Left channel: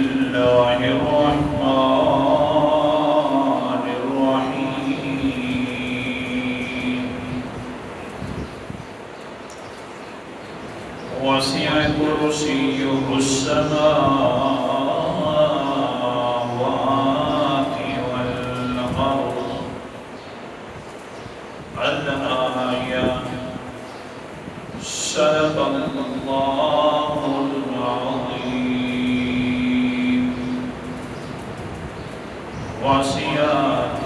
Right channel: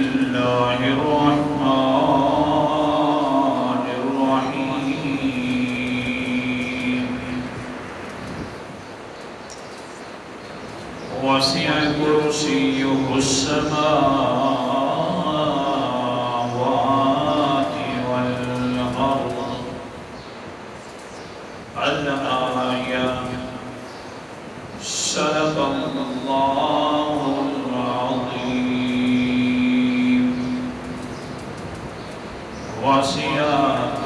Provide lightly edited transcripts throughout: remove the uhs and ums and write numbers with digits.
الله الرحمن الرحيم وسع كرسيه السماوات والأرض الآية صدق الله العظيم وسع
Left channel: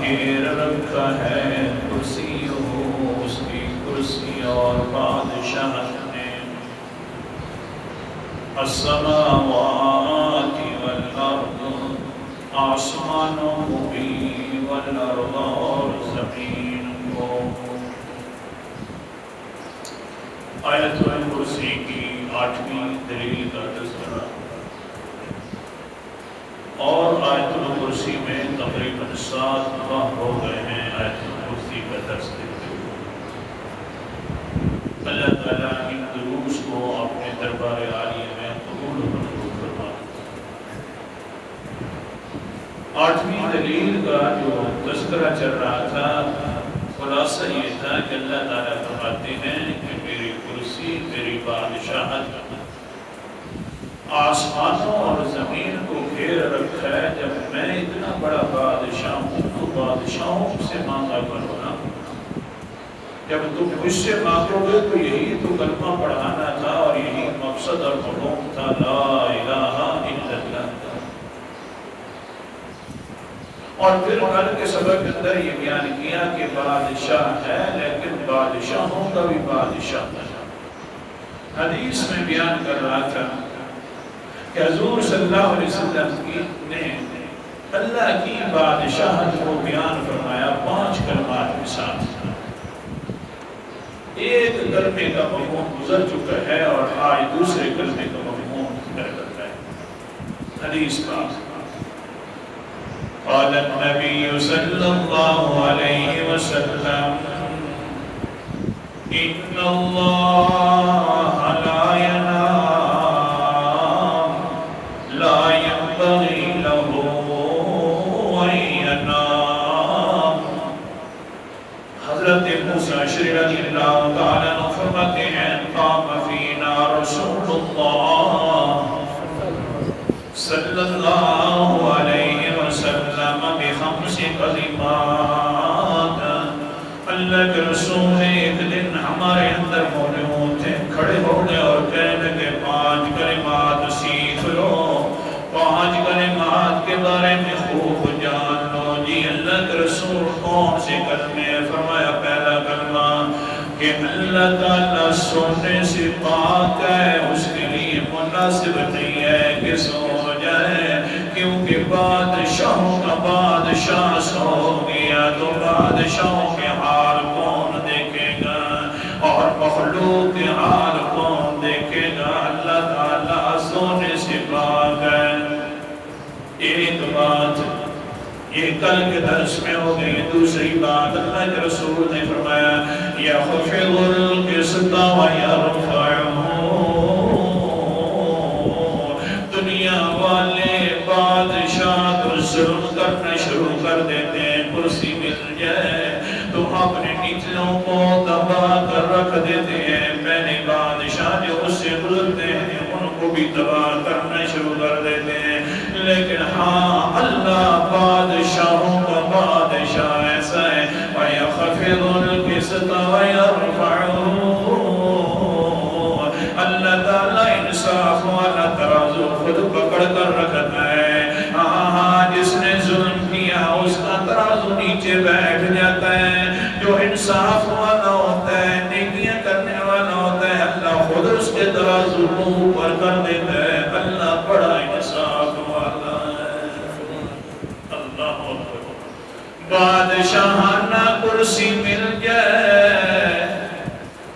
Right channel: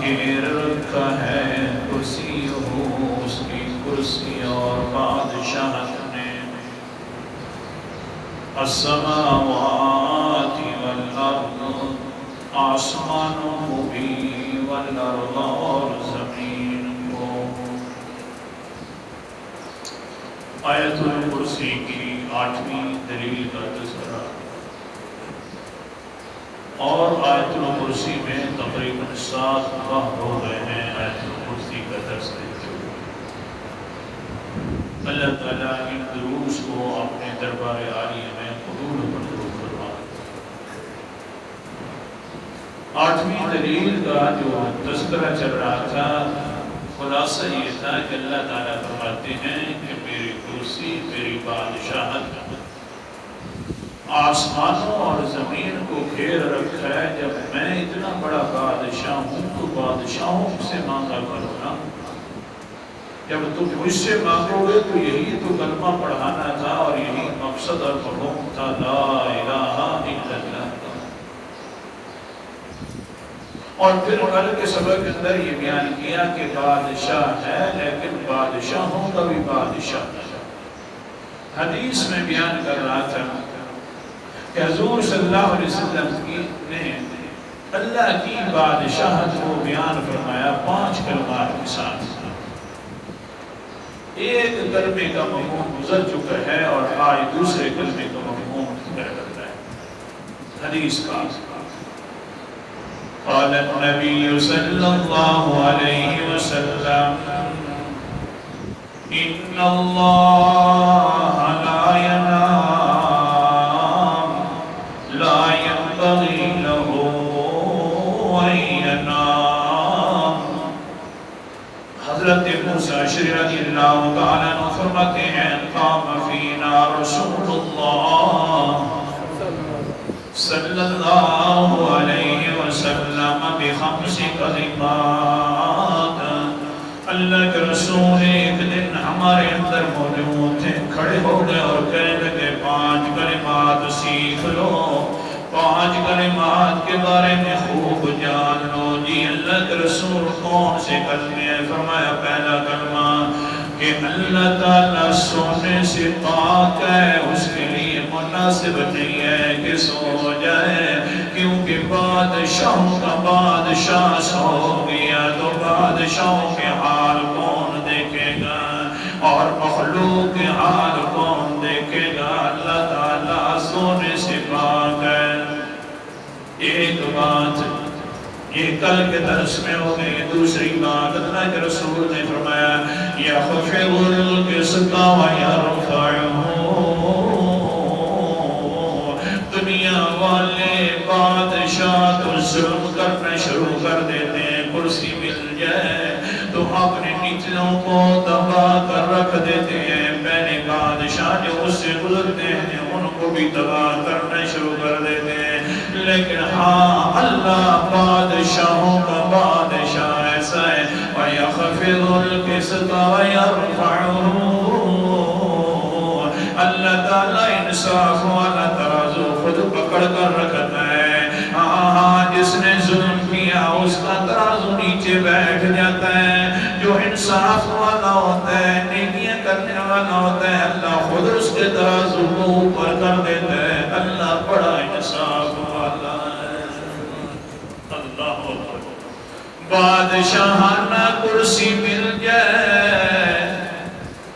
گھیر رکھا ہے کرسی ہو اس کی کرسی اور بادشاہ نے السماوات والارض آسمانوں کو بھی والارض اور زمین کو. آیت الکرسی کی 8ویں دلیل کا تذکرہ اور آیت الکرسی میں تقریباً 7 ماہ ہو گئے ہیں آیت الکرسی کا درس دیتے ہوئے. اللہ تعالیٰ ان دروس کو اپنے دربار عالیہ میں قبول و منظور فرمائے. 8ویں دلیل کا جو تذکرہ چل رہا تھا خلاصہ یہ تھا کہ اللہ تعالیٰ فرماتے ہیں کہ میری کرسی میری بادشاہت آسمانوں اور زمین کو گھیر رکھا ہے. جب میں اتنا بڑا بادشاہ ہوں تو بادشاہوں سے مانگا کرنا. جب تم مجھ سے مانگو گے تو یہی تو کلمہ پڑھانا تھا اور یہی مقصد اور مفہوم تھا لا الہ الا اللہ. اور پھر کل کے سبق کے اندر یہ بیان کیا کہ بادشاہ ہے لیکن بادشاہوں کا بھی بادشاہ ہے. حدیث میں بیان کر رہا تھا کہ حضور صلی اللہ علیہ وسلم نے اللہ کی بادشاہت کو بیان فرمایا 5 کلمات کے ساتھ. ایک کلمے کا مفہوم گزر چکا ہے اور آج دوسرے کلمے کا مفہوم بدل رہا ہے. حدیث کا قال النبي صلى الله عليه وسلم إن الله لا ينام لا ينبغي له أن ينام. حضرت موسیٰ رضی اللہ تعالیٰ عنہ فرماتے ہیں قام فینا رسول اللہ صلی اللہ علیہ وسلم بخمس کلمات. اللہ کے رسول ایک دن ہمارے اندر موجود تھے, کھڑے ہو گئے اور کہنے لگے 5 کلمات سیکھ لو, 5 کلمات کے بارے میں خوب جان لو. جی اللہ کے رسول کون سے کلمے؟ فرمایا پہلا کلمہ کہ اللہ تعالیٰ سونے سے پاک ہے, اس کے لیے مناسب نہیں ہے کہ سو جائے, کیونکہ بادشاہوں کا بادشاہ سو گیا تو بادشاہوں کے حال کون دیکھے گا اور مخلوق کے حال کون دیکھے گا. اللہ تعالیٰ سونے سے پاک ہے. ایک بات یہ کل کے درس میں ہو گئی. دوسری بات اللہ کے رسول نے فرمایا یخفض القسط ویرفعہ. دنیا والے بادشاہ تو ظلم کرنا شروع کر دیتے ہیں, کرسی مل جائے تو اپنے نچلوں کو دبا کر رکھ دیتے ہیں. پہلے بادشاہ جو اس سے گزرتے ہیں ان کو بھی تباہ کرنا شروع کر دیتے ہیں. لیکن ہاں اللہ بادشاہوں کا بادشاہ ایسا ہے وَيَخْفِضُ الْقِسْطَ وَيَرْفَعُهُ. اللہ تعالیٰ انصاف والا ترازو خود پکڑ کر رکھتا ہے. ہاں جس نے ظلم کیا اس کا ترازو نیچے بیٹھ جاتا ہے. جو انصاف والا ہوتا ہے نیکیاں کرنے والا ہوتا ہے اللہ خود اس کے ترازو کو اوپر کر دیتا ہے. اللہ بڑا انصاف والا ہے. اللہ اکبر. بادشاہانہ کرسی مل جائے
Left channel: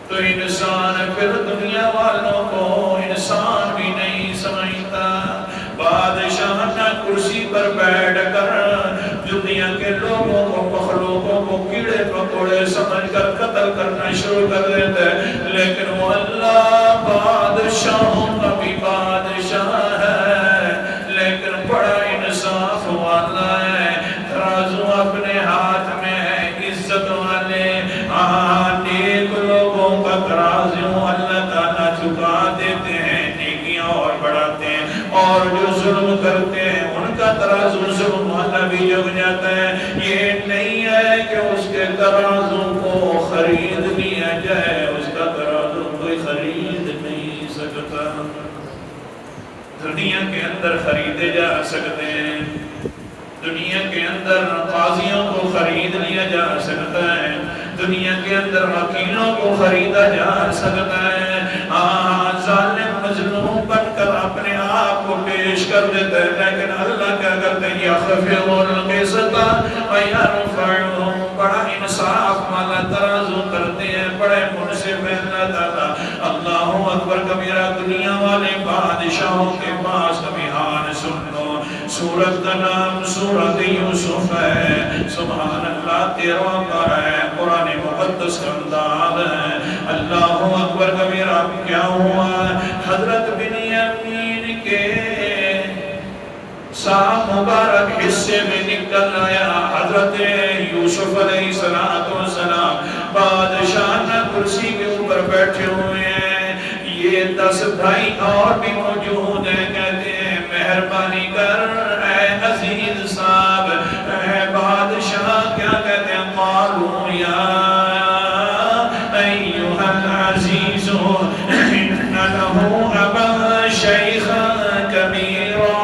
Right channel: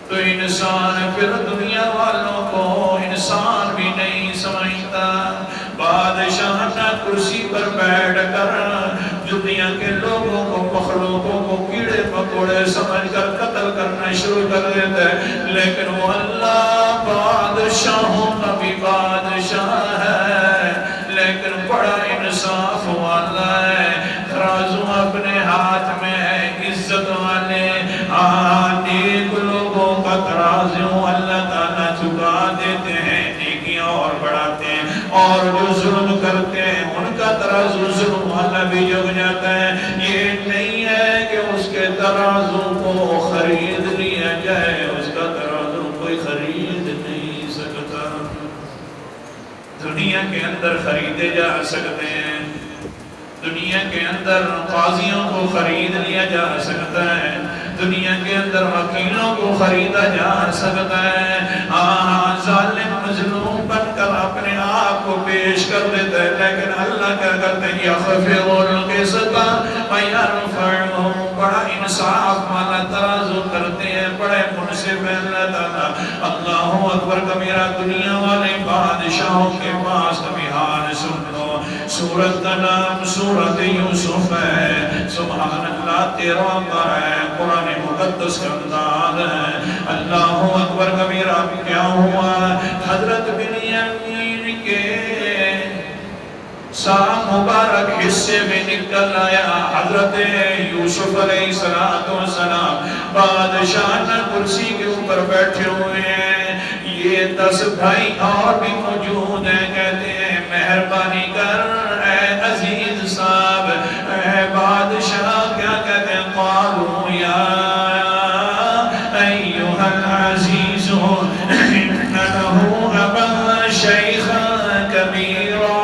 تو انسان پھر دنیا والوں کو انسان بھی نہیں سمجھتا. بادشاہانہ کرسی پر بیٹھ کر دنیا کے لوگوں کو مخلوقوں کو کیڑے پکوڑے سمجھ کر قتل کرنا شروع کر دیتا ہے. لیکن وہ اللہ بادشاہوں کا بھی بادشاہ ہے, لیکن قبول کرتے ہیں ان کا ترازو ظلم والا بھی جھک جاتا ہے. یہ نہیں ہے کہ اس کے ترازو کو خرید لیا جائے, اس کا ترازو کوئی خرید نہیں سکتا. دنیا کے اندر خریدے جا سکتے ہیں, دنیا کے اندر قاضیوں کو خرید لیا جا سکتا ہے, دنیا کے اندر وکیلوں کو خریدا جا سکتا ہے. ظالم مظلوم بن کر اپنے آپ کو پیش کر دیتا ہے, لیکن اللہ کیا کرتے ہیں, یخفض القسط ویرفع. بڑا انصاف والا ترازو کرتے ہیں, بڑے منصف ہیں اللہ تعالیٰ. اللہ اکبر کبیرہ. دنیا والے بادشاہوں کے پاس ابھی حال سن لو. سورت کا نام سورت یوسف ہے. سبحان اللہ, 13واں پارہ ہے, قرآن مقدس کا انداز ہے. اللہ اکبر کبیرہ. کیا ہوا؟ حضرت بنیامین کے سام مبارک حصے میں نکل آیا حضرت یوسف علیہ السلام. بادشاہ کرسی کے اوپر بیٹھے ہوئے ہیں. یہ 10 بھائی اور بھی موجود ہیں. کہتے ہیں مہربانی کر اے عزیز صاحب, اے بادشاہ. کیا کہتے ہیں؟ قالوا یا ایھا العزیز ان له ابا شیخا کبیرا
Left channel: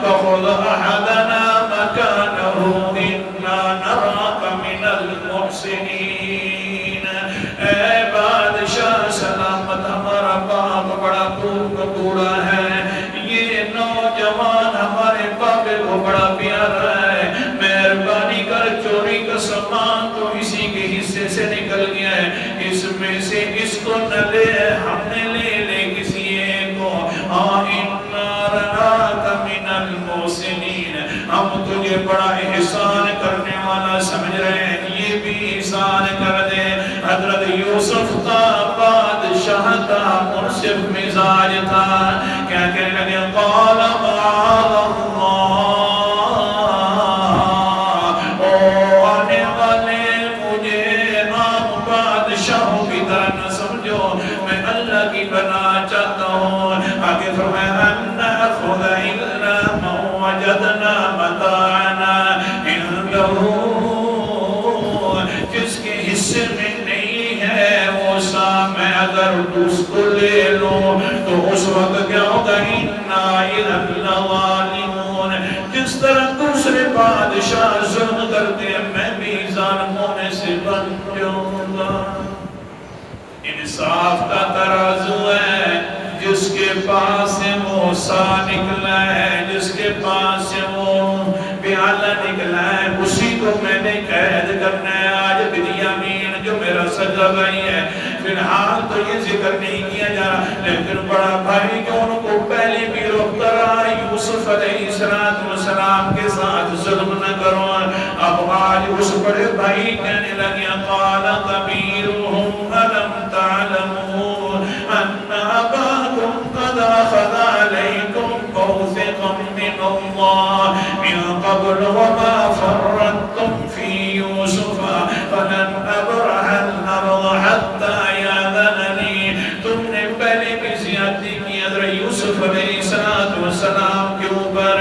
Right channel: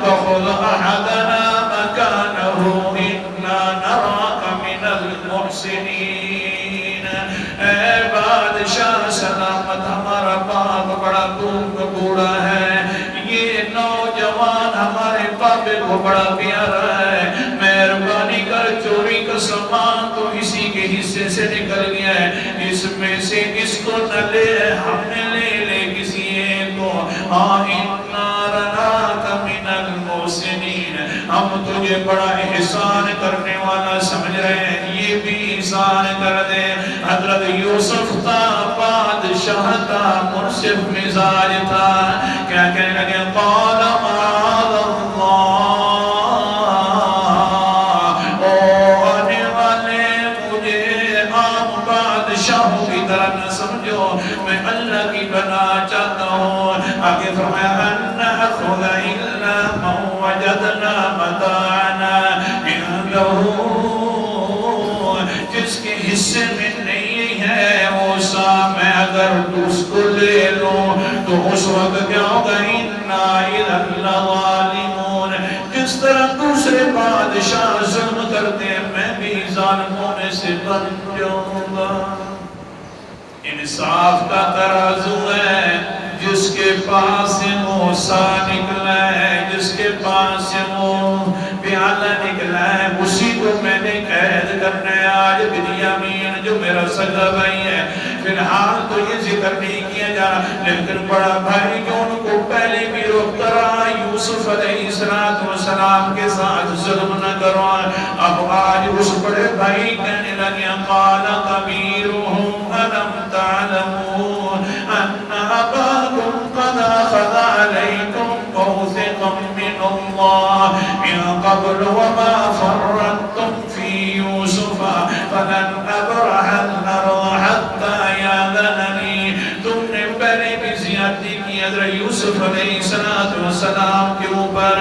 فخذ احدنا مکانه انا نراک من المحسنین. اے بادشاہ سلامت, ہمارا باپ بڑا بوڑھا ہے, یہ نوجوان ہمارے باپ کو بڑا پیارا ہے. مہربانی کر, چوری کا سامان تو اسی کے حصے سے نکل گیا ہے, اس میں سے اس کو نہ لے, ہم نے لے کسی ایک کو. انا نراک من المحسنین. ہم تجھے بڑا احسان کرنے والا سمجھ رہے ہیں, یہ بھی احسان کر دے. حضرت یوسف تھا, بادشاہ تھا, منصف مزاج تھا. کیا کہنے لگے؟ قال معاذ اللہ. او آنے والے, مجھے عام بادشاہوں کی طرح نہ سمجھو, میں اللہ کی بنا چاہتا ہوں. آگے فرمایا ان نأخذ الا ما وجدنا متاعنا عنده. جس کے حصے میں نہیں ہے وہ سا, میں اگر اس کو لے لوں تو اس وقت کیا ہوگا؟ انا اذا لظالمون. جس طرح دوسرے بادشاہ ظلم کرتے ہیں, میں بھی ظالموں میں سے بن جاؤں گا. انصاف کا ترازو ہے. جس کے پاس سے موسیٰ نکلا ہے, جس کے پاس سے وہ پیالہ نکلا ہے, اسی کو میں نے قید کرنا ہے. آج بنیامین جو میرا سگا بھائی ہے, فی الحال تو یہ ذکر نہیں کیا جا رہا, لیکن بڑا بھائی جو ان کو پہلے بھی روکتا رہا, یوسف علیہ السلام کے ساتھ ظلم نہ کرو. اب آج اس بڑے بھائی کہنے لگے, قال کبیرہم الم تعلموا ان اباکم قد اخذ علیکم موثقا من اللہ من قبل وما فرطتم فی یوسف فلن ابرح الارض حتی یاذننی. تم نے پہلے بھی زیادتی کی حضرت یوسف علیہ السلام کے اوپر,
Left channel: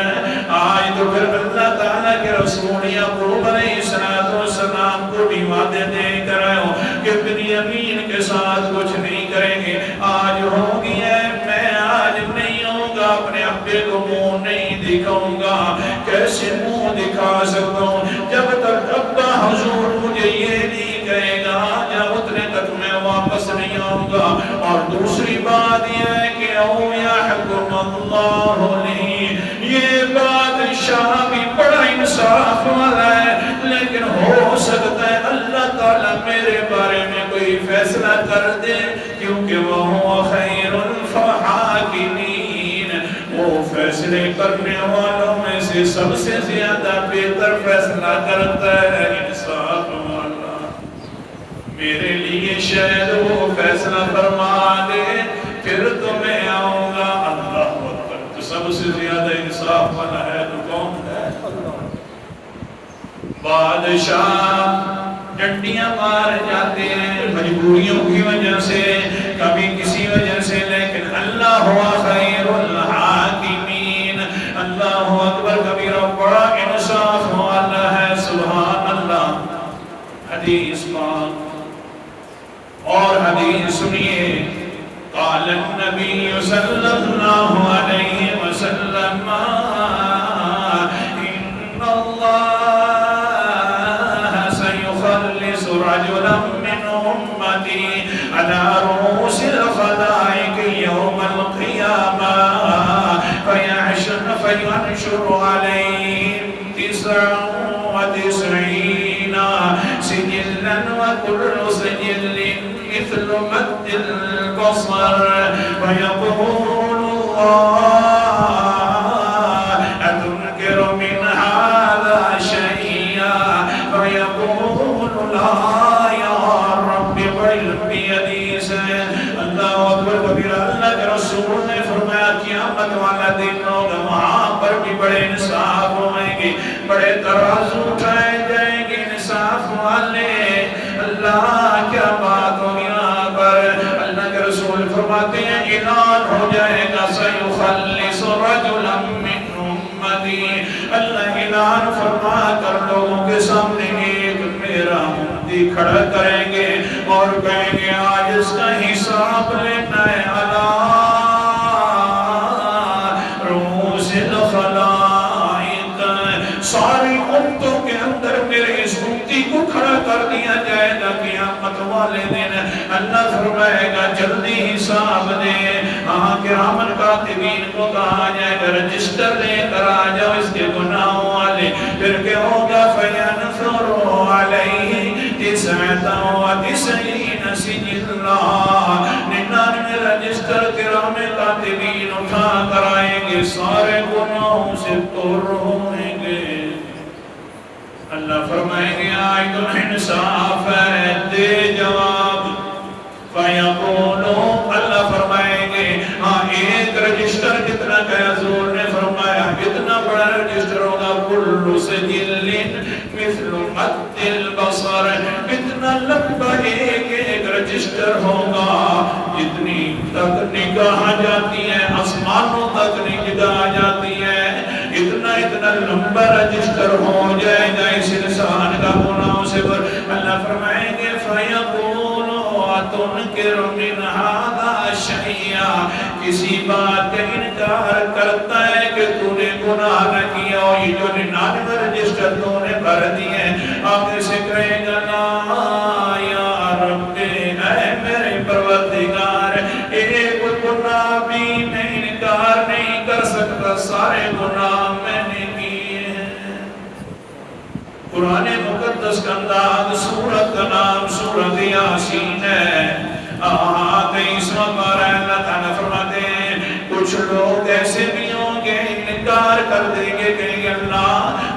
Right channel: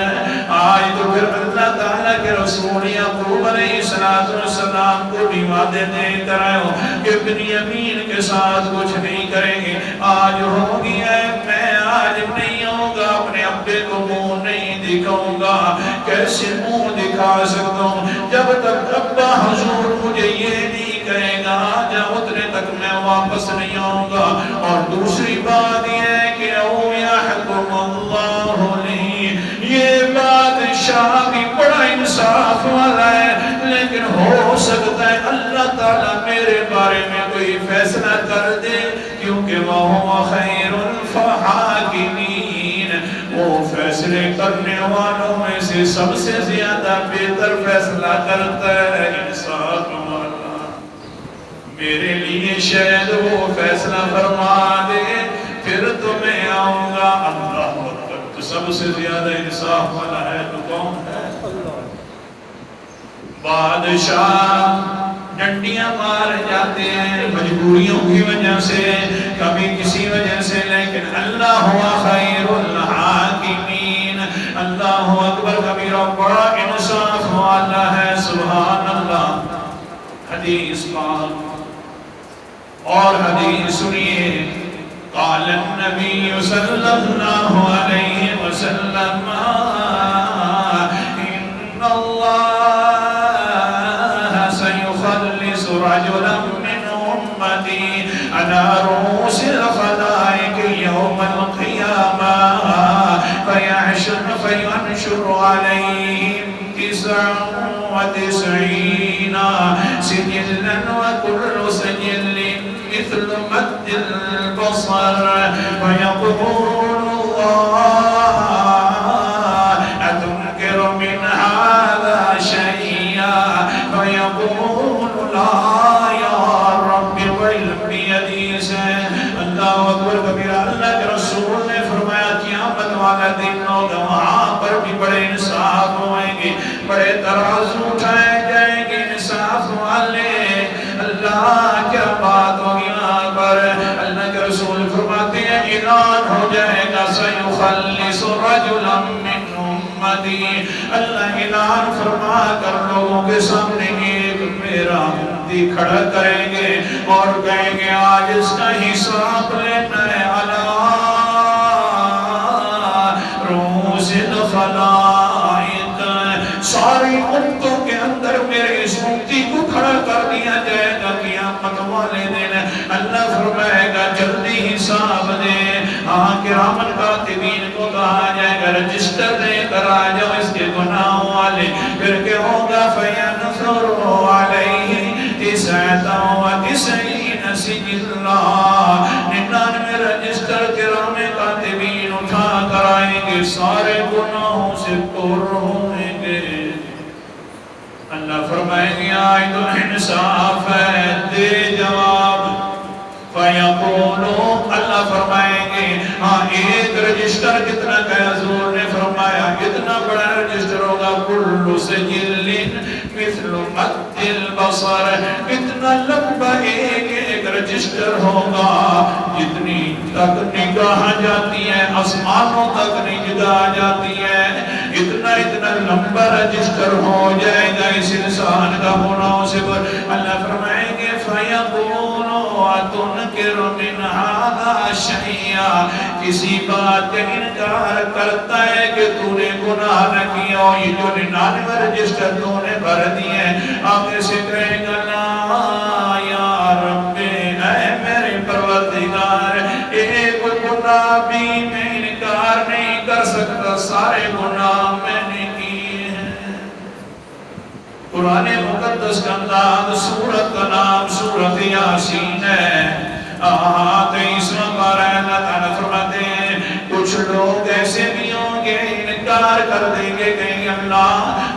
آج تو پھر اللہ تعالیٰ کے رسول یعقوب علیہ السلام کو بھی وعدے دے کر آئے ہو کہ بنیامین کے ساتھ کچھ نہیں کریں گے. آج ہو گیا ہے, میں آج نہیں ہوں گا, اپنے ابے کو منہ نہیں دکھاؤں گا. کیسے منہ دکھا سکتا ہوں جب تک ابا حضور مجھے یہ نہیں کہے گا, جب اتنے تک میں واپس نہیں آؤں گا. اور دوسری بات یہ ہے کہ او یحکم اللہ لی, یہ بادشاہ بھی بڑا انصاف والا ہے, لیکن ہو سکتا ہے اللہ تعالیٰ میرے بارے میں کوئی فیصلہ کر دے, کیونکہ وہ خیر الحاکمین, وہ فیصلے کرنے والوں میں سے سب سے زیادہ بہتر فیصلہ کرتا ہے. انصاف والا میرے لیے شاید وہ فیصلہ فرما دے, پھر تو میں آؤں گا. اللہ اکبر. تو سب سے زیادہ انصاف والا ہے تو کون ہے؟ بادشاہ ڈنڈیاں مار جاتے ہیں مجبوریوں کی وجہ سے, کبھی کسی وجہ سے, لیکن اللہ ہوا خیر الحاکمین. اللہ اکبر کبیرہ، بڑا انصاف والا ہے، سبحان اللہ۔ حدیث پاک اور حدیث سنیے، قال النبی صلی اللہ علیہ وسلم ان اللہ سیخلص رجلا من امتی على رؤوس الخلائق يوم القيامة فينشر عليهم 99 سجلا وكل سجل مثل مد البصر فيقول الله أتنكر من هذا شيئا فيقول لا يا رب والعلم بيدي اللہ اکبر کبیرہ۔ اللہ کے رسول نے فرمایا قیامت والا دن ہوگا، وہاں پر بھی بڑے انصاف ہوئیں گے، بڑے ترازو اٹھائے جائیں گے انصاف والے۔ اللہ کیا بات ہو یہاں پر، اللہ کے رسول فرماتے ہیں اعلان ہو جائے گا سیخلص رجلا من امتی، اللہ اعلان فرما کر لوگوں کے سامنے ایک میرا امتی کھڑا کریں گے اور کہیں گے آج اس کا حساب لینا ہے، علی رؤوس الخلائق، ساری امتوں کے اندر میرے اس امتی کو کھڑا کر دیا جائے گا قیامت والے دن۔ اللہ فرمائے گا جلدی حساب دے، کرامن کاتبین کو کہا جائے گا رجسٹر لے کر آ جاؤ اس کے گناہوں والے، پھر کہ ہوگا فَيَنْثُرُ عَلَيْهِ 99 سجلا، 99 رجسٹر کرام کاتبین اٹھا کر آئیں گے، سارے گناہوں سے پر ہوئیں گے۔ اللہ فرمائیں گے آج تو انصاف ہے، دے جواب۔ فَيَقُولُ، اللہ فرمائیں گے ہاں ایک رجسٹر کتنا کا، حضور نے فرمایا اتنا بڑا رجسٹر ہوگا، كُلُّ سِجِلٍ مِثْلُ مَدِّ الْبَصَرِ، اتنا لمبا ایک رجسٹر ہوگا، جتنی تک نگاہ جاتی ہے آسمانوں تک نگاہ جاتی ہے، اتنا لمبا رجسٹر ہو جائے گا اس انسان کا گناہوں سے۔ اللہ فرمائیں گے فَيَقُولُ أَتُنْكِرُ مِنْ هَذَا شَيْئًا، کسی بات کا انکار کرتا ہے کہ تو نے گناہ نہ کیا، اور یہ جو 99 رجسٹر تو نے بھر دیے، آگے سے کہے گا لا یا رب، اے میرے پروردگار، ایک گناہ بھی میں انکار نہیں کر سکتا، سارے گناہ میں نے کیے ہیں۔ قرآن مقدس کا انداز، سورت کا نام سورت یاسین ہے، 23واں پارہ۔ اللہ تعالیٰ فرماتے ہیں کچھ لوگ ایسے بھی ہوں گے انکار کر دیں گے، کہیں گے اللہ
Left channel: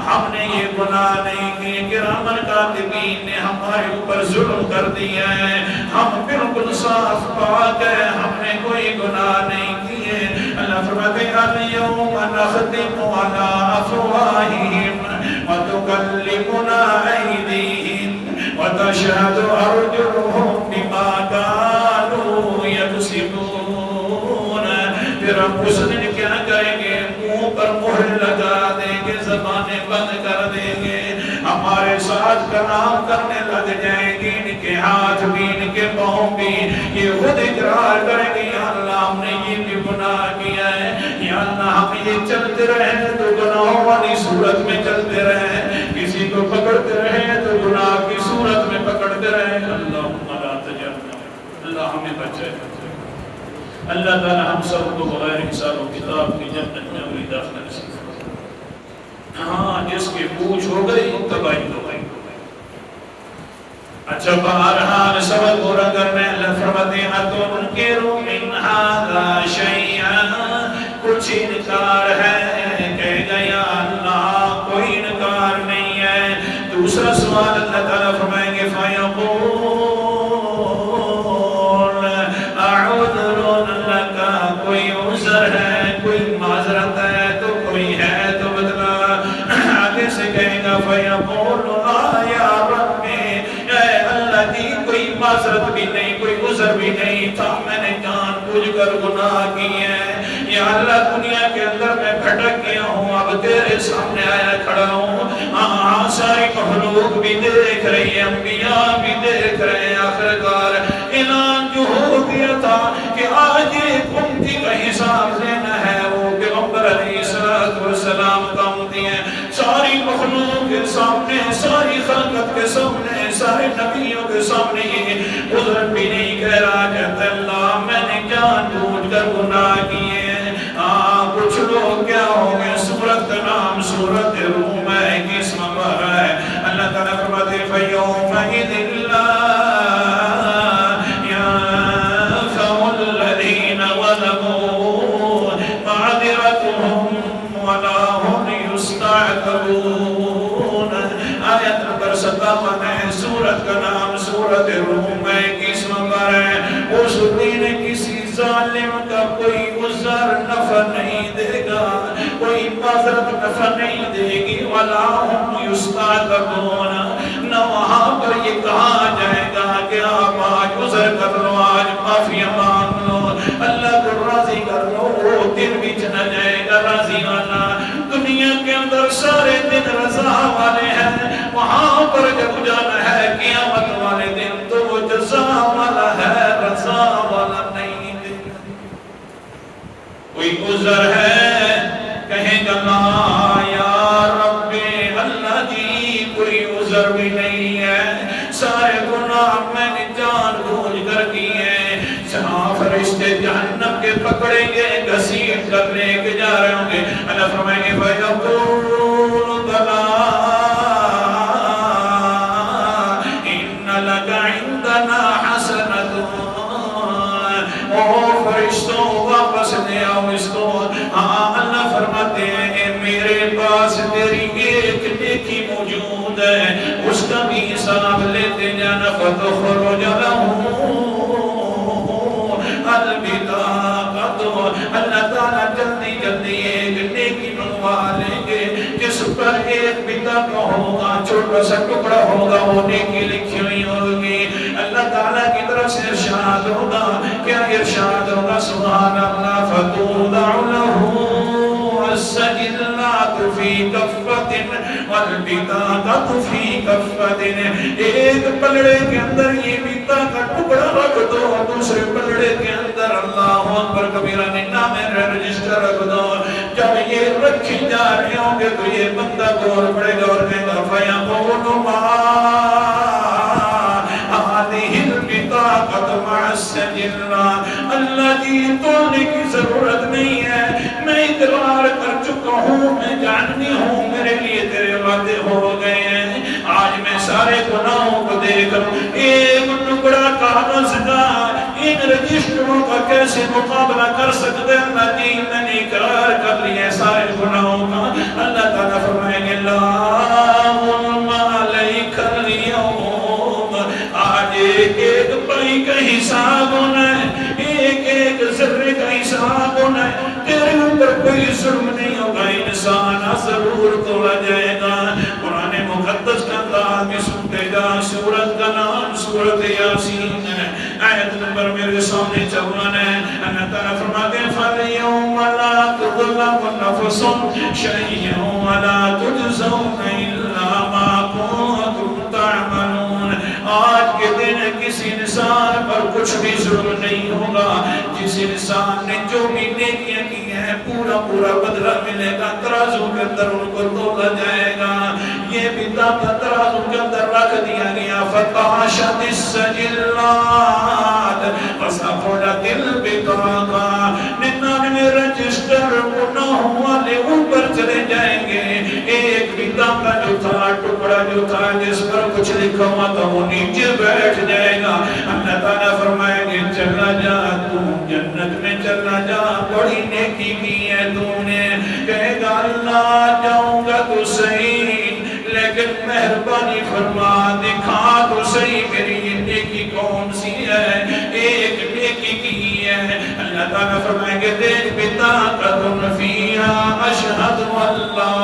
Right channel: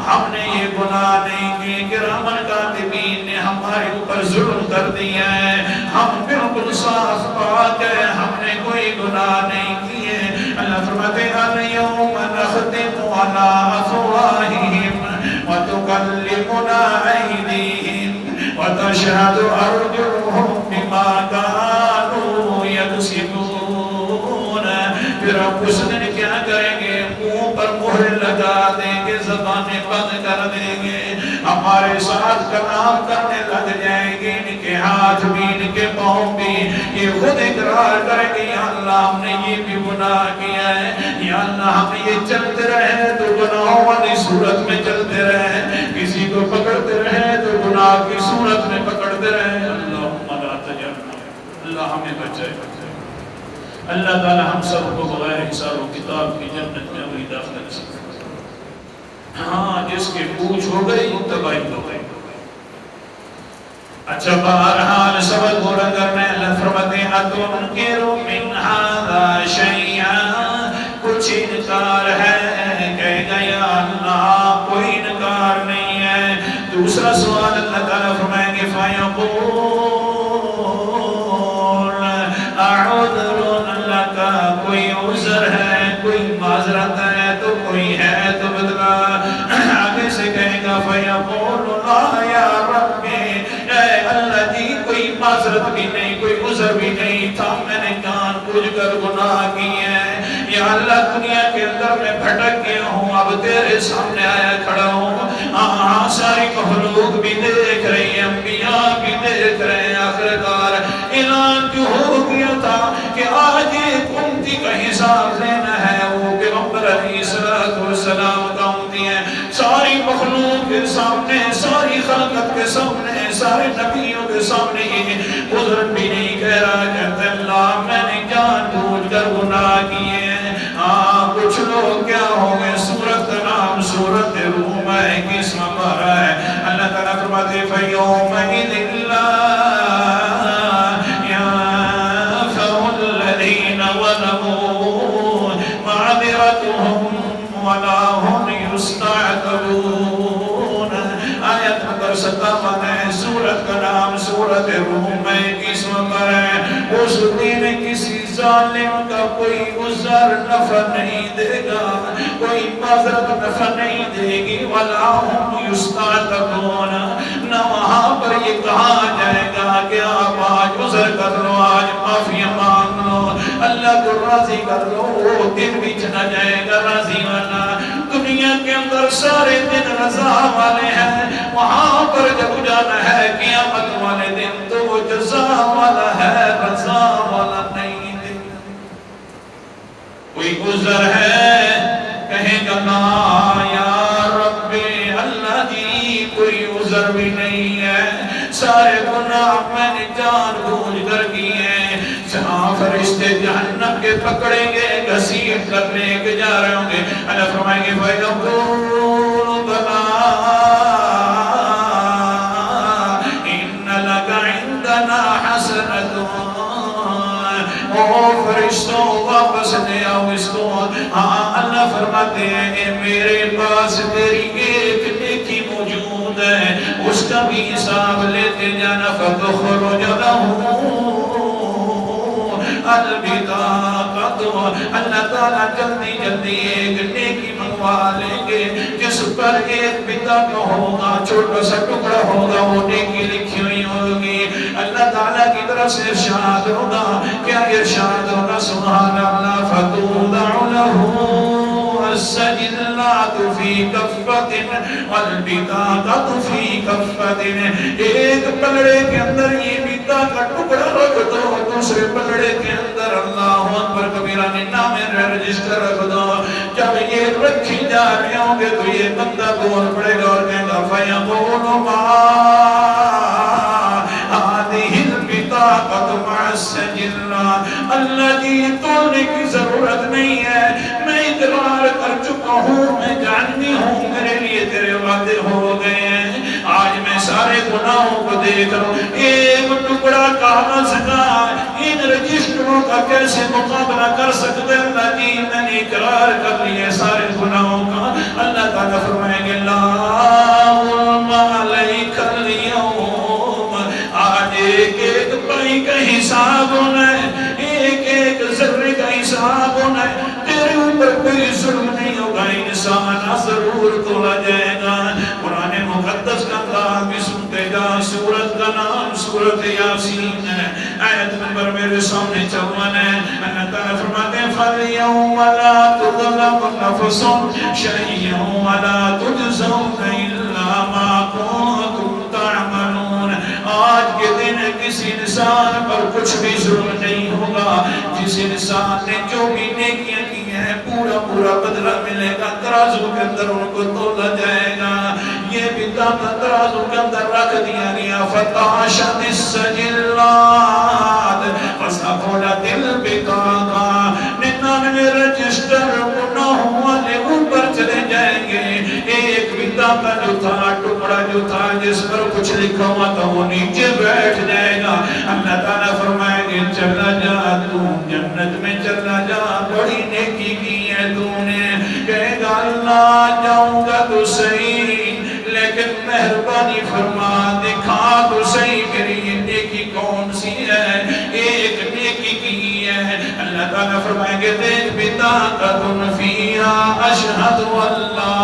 ہم نے یہ گناہ نہیں کیے، کرامن کاتبین نے ہمارے اوپر ظلم کر دیا ہے، ہم بالکل صاف پاک ہے، ہم نے کوئی گناہ نہیں کیے۔ اللہ فرماتے ہیں اليوم نختم على افواہہم وتکلمنا ایدیہم وتشہد ارجلہم بما كانوا یکسبون، پھر ہم اس دن کیا کریں گے، منہ پر مہر لگا دیں گے، زبانیں بند کر دیں گے، ہمارے ساتھ کلام کرنے لگ جائیں گے، ان کے ہاتھ بھی ان کے پاؤں بھی یہ خود اقرار کریں گے یا اللہ ہم نے یہ بھی گناہ کیا ہے، یا اللہ ہم یہ چلتے رہے تو گناہوں والی صورت میں چلتے رہے، کسی کو پکڑتے رہے تو گناہ کی صورت میں پکڑتے رہے۔ اللہم لا تجعلنا، اللہ ہمیں بچائے۔ اللہ تعالی ہم سب کو بغیر حساب و کتاب کی جنت میں اگلی داخلہ نصیب۔ ہاں جس کی پوچھ ہو گئی تباہی ہو گئی۔ اچھا بہرحال سبق پورا کرنے اللہ فرماتے ہیں أَتُنْكِرُ مِنْ هَذَا شَيْئًا، کچھ انکار ہے، کہے گا یا اللہ کوئی انکار نہیں ہے۔ دوسرا سوال اللہ تعالیٰ فرمائیں گے فَيَقُولُ أَعُذْرٌ لَكَ، کوئی عذر ہے، کوئی معذرت ہے تو کوئی ہے تو بتلا۔ آگے سے کہے گا فَيَقُولُ يَا رَبِّ، اے اللہ جی کوئی معذرت بھی نہیں، کوئی عذر بھی نہیں تھا، میں نے جان بوجھ کر گناہ کیے ہیں، یا اللہ دنیا کے اندر میں بھٹک گیا ہوں، مخلوق بھی دیکھ رہی ہے، انبیاء بھی دیکھ رہے ہیں. آخرکار اعلان جو ہو گیا تھا کہ آج ایک امتی کا حساب لینا ہے، وہ پیغمبر علیہ السلام کا امتی ہے. ساری مخلوق کے سامنے، ساری خلقت کے سامنے، سارے نبیوں کے سامنے عذر بھی نہیں کہہ رہا، کہتے اللہ میں نے جان بوجھ کر گناہ کیے. ہاں کچھ لوگ کیا ہو گئے، سورت کا نام سورت روم ہے، 21 نمبر ہے. اللہ تعالیٰ فرماتے ہیں فَيَوْمَئِذٍ لَا يَنفَعُ الَّذِينَ ظَلَمُوا مَعْذِرَتُهُمْ وَلَا هُمْ يُسْتَعْتَبُونَ. آیت نمبر 57 ہے، سورت کا نام سورت روم ہے، 21 نمبر ہے. اس دن کسی ظالم کا کوئی عذر نفع نہیں دے گا، کوئی معذرت نفع نہیں دے گی. وَلَا هُمْ يُسْتَعْتَبُونَ. نہ وہاں پر یہ کہا جائے گا کہ آپ آج عذر کر لو، آج معافی مانگ لو، اللہ کو راضی کر لو. وہ دن بھی چلا جائے گا راضی والا. دنیا کے اندر سارے دن رضا والے ہیں، وہاں پر جب جانا ہے قیامت والے دن تو وہ جزا والا ہے، رضا والا نہیں. کوئی عذر ہے کہے گا لا یا رب اللہ جی کوئی عذر بھی نہیں ہے، سارے گناہ میں نے جان بوجھ کر کیے. جہاں فرشتے جہنم کے پکڑیں گے، گھسیٹ کر لے کے جا رہے ہوں گے، اللہ فرمائیں گے فَيَقُولُ بَلَا إِنَّ لَكَ عِندَنَا حَسَنَةٌ. او فرشتوں واپس لے آؤ اس کو. ہاں اللہ فرماتے ہیں میرے پاس تیری ایک نیکی موجود ہے، اس کا بھی حساب لیتے جانا. فَتُخْرُجَ لَهُ الْبِطَاقَةُ. اللہ تعالیٰ جلدی جلدی ایک نیکی منگوا لیں گے جس پر ایک بطاقہ ہوگا، چھوٹا سا ٹکڑا ہوگا، وہ نیکی لکھی ہوئی ہوگی. اللہ تعالیٰ کی طرف سے ارشاد ہوگا. کیا ارشاد ہوگا؟ سبحان اللہ. فَتُوضَعُ لَهُ السَّجِلَّاتُ فِي كَفَّةٍ وَالْبِطَاقَةُ فِي كَفَّةٍ. ایک پلڑے کے اندر یہ بطاقہ ٹکڑا رکھ دو، دوسرے پلڑے کے اندر اللہ اکبر کبیرہ نے نام رجسٹر رکھ دو. جب یہ رکھی جا رہے ہوں گے تو یہ بندہ بول پڑے گا اور کہے گا فَيَقُولُ مَا هذه البطاقة مع السجلات. اللہ جی تولنے کی ضرورت نہیں ہے، میں اقرار کر چکا ہوں، میں جاننی ہوں، میرے لیے تیرے وعدے ہو گئے ہیں. آج میں سارے گناہوں کو دیکھ رہا ہوں، ایک ٹکڑا کاغذ کا ان رجسٹروں کا کیسے مقابلہ کر سکتے ہیں؟ اللہ جی میں نے اقرار کر لیا سارے گناہوں کا. اللہ تعالیٰ فرمائیں گے لا ظلم علیک اليوم. آج ایک ایک پائی کا حساب ہونا ہے، ایک ایک ذرے کا حساب ہونا ہے. تیرے اوپر کوئی ظلم نہیں ہوگا، انسان ضرور تولا جائے گا. قرآن مقدس کا انداز بھی سنتے جا. سورت کا نام سورت یاسین ہے، آیت نمبر میرے سامنے 54 ہے. اللہ تعالیٰ فرماتے ہیں فَالْيَوْمَ لَا تُظْلَمُ نَفْسٌ شَيْئًا وَلَا تُجْزَوْنَ إِلَّا مَا كُنتُمْ تَعْمَلُونَ. آج کے دن کسی انسان پر کچھ بھی ظلم نہیں ہوگا. جس انسان نے جو بھی نیکیاں کی ہیں پورا پورا بدلہ ملے گا. ترازو کے اندر ان کو تولا جائے گا. یہ بطاقہ ترازو کے اندر رکھ دیا گیا. فَتَحَشَتِ السَّجِلَّاتِ وَصَفُلَتِ الْبِطَاقَةِ. 99 رجسٹر گناہوں والے اوپر چلے جائیں گے. ایک بطاقہ جو تھا، ٹکڑا جو تھا جس پر کچھ لکھا ہوا تھا، وہ نیچے بیٹھ جائے گا. اللہ تعالیٰ فرمائیں گے چلا جا تو جنت میں، چلا جا بڑی نیکی کی ہے تو نے. کہے گا اللہ جاؤں گا تو صحیح، لیکن مہربانی فرما دکھا تو صحیح میری یہ نیکی کون سی ہے. ایک نیکی کی ہے. اللہ تعالیٰ فرمائیں گے دیکھ بطاقۃ فیہا اشہد ان لا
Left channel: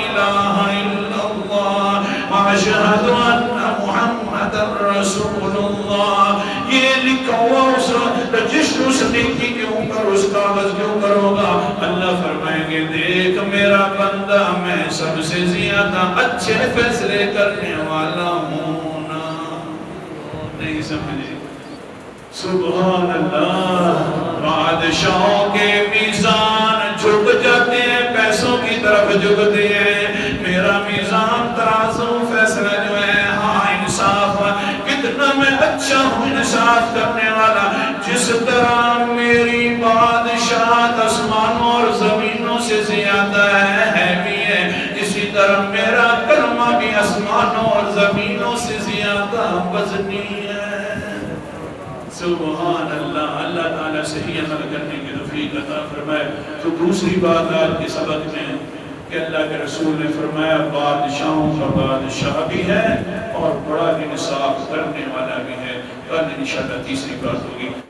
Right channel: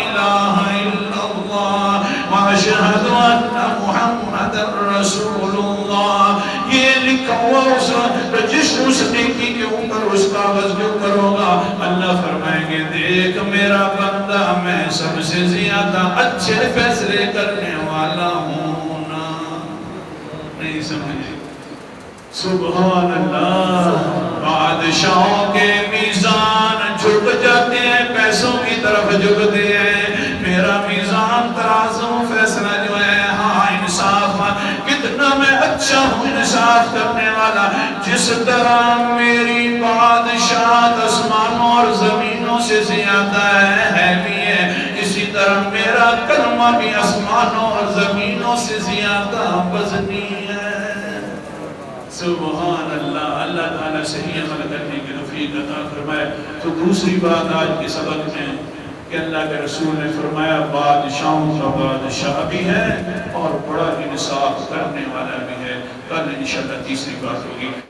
الہ الا اللہ واشہد ان محمد رسول اللہ. یہ لکھا ہوا اس رجسٹر اس نیکی کے اوپر، اس کاغذ کے اوپر ہوگا. اللہ فرمائیں گے کہ دیکھ میرا بندہ میں سب سے زیادہ اچھے فیصلے کرنے والا ہوں نا. نہیں سمجھے؟ سبحان اللہ. بادشاہوں کے میزان جھک جاتے ہیں، پیسوں کی طرف جھکتے ہیں. میرا میزان ترازو فیصلہ جو ہے ہاں انصاف، کتنا میں اچھا ہوں انصاف کرنے والا. جس طرح میری بادشاہت آسمانوں اور زمینوں سے زیادہ ہے بھی ہے، اسی طرح میرا کلمہ بھی آسمانوں اور زمینوں سے زیادہ وزنی ہے. سبحان اللہ. اللہ تعالیٰ صحیح عمل کرنے کی توفیق عطا فرمائے. تو دوسری بات آج کے سبق میں کہ اللہ کے رسول نے فرمایا بادشاہوں کا بادشاہ بھی ہے اور بڑا انصاف کرنے والا بھی ہے. کل انشاءاللہ تیسری بات ہوگی.